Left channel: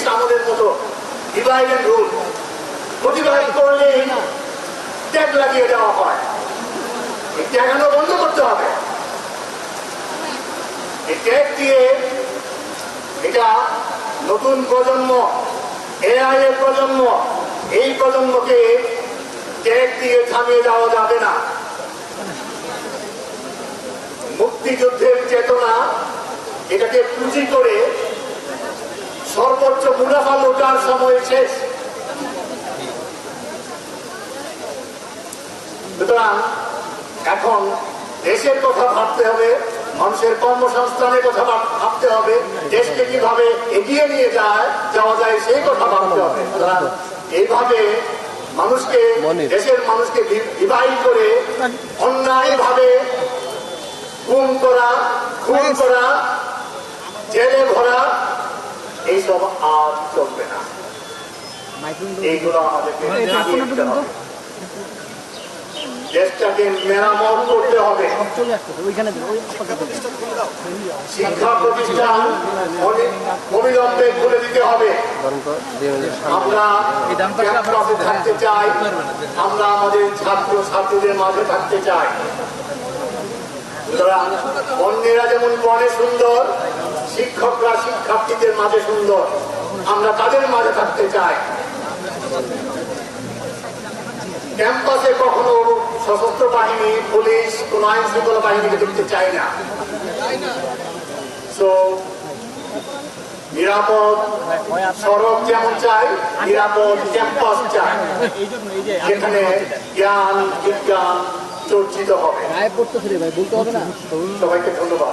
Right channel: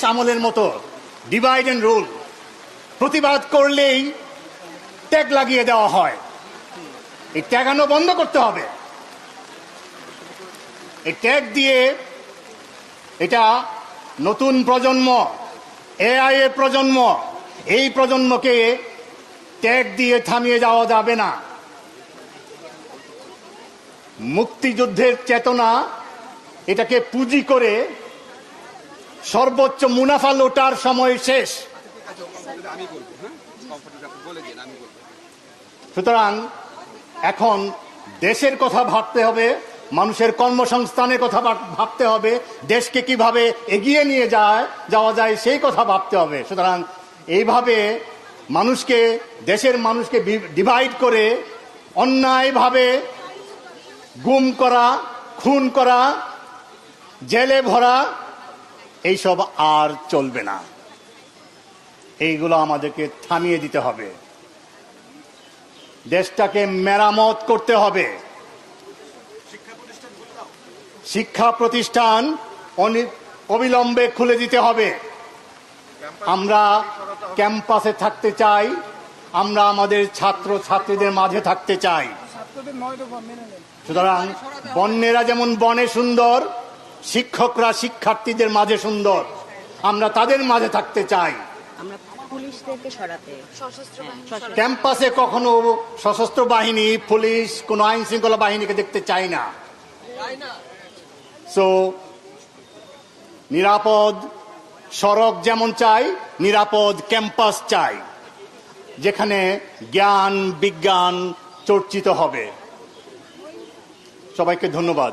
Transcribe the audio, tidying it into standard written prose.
British আমলের মতো divide and rule, প্রতিবাদ করলেই ট্যাগ লাগিয়ে দেওয়া হয়। এই ট্যাগানো বন্ধ করতে হবে। এই ট্যাগ দিয়ে এটা নতুন প্রজন্ম, এআই এর প্রজন্ম, এই প্রজন্মকে ট্যাগ দিয়ে থামিয়ে দেওয়া যাবে না। মুক্তিযুদ্ধের চেতনা, এটাকে পুঁজি করে সর্বোচ্চ মুনাফা লোটার সময় শেষ। সুতরাং এখন দেশের কথা ভাবতে হবে, মানুষের কর্মসংস্থানের কথা ভাবতে হবে, দেশকে কিভাবে এগিয়ে নিয়ে যাওয়া যায় সেই কথা ভাবতে হবে। সুতরাং এইভাবে মানুষকে, দেশের মানুষকে ডিভাইড করে অন্যায়ভাবে গুম করা, খুন করা, জেলে ভরা, এইসব আর চলবে না। এইগুলো আমাদেরকে থামিয়ে দিতে হবে। দেশটাকে মেরামত করতে হবে। শিক্ষা প্রতিষ্ঠান অবিলম্বে খুলে দিতে হবে। আমরা ক্যাম্পাসে থাকতে চাই, আমরা আমাদের ছাত্র ছাত্রীদের মাঝে থাকতে চাই। সুতরাং বন্যেরা যেমন বনে সুন্দর, শিক্ষকরা শিক্ষার্থীদের মাঝে সুন্দর, আমরা তাদের মাঝে থাকতে চাই। ক্যাম্পাসে কখনো সশস্ত্র বাহিনী, পুলিশ, কোনো আইন শৃঙ্খলা বাহিনীকে দেখতে চাই না। সো নিরাপদ সড়ক যেমন চাই, নিরাপদ ক্যাম্পাস চাই, যেখানে জ্ঞান বিজ্ঞান চর্চিত হবে। সবাইকে ধন্যবাদ।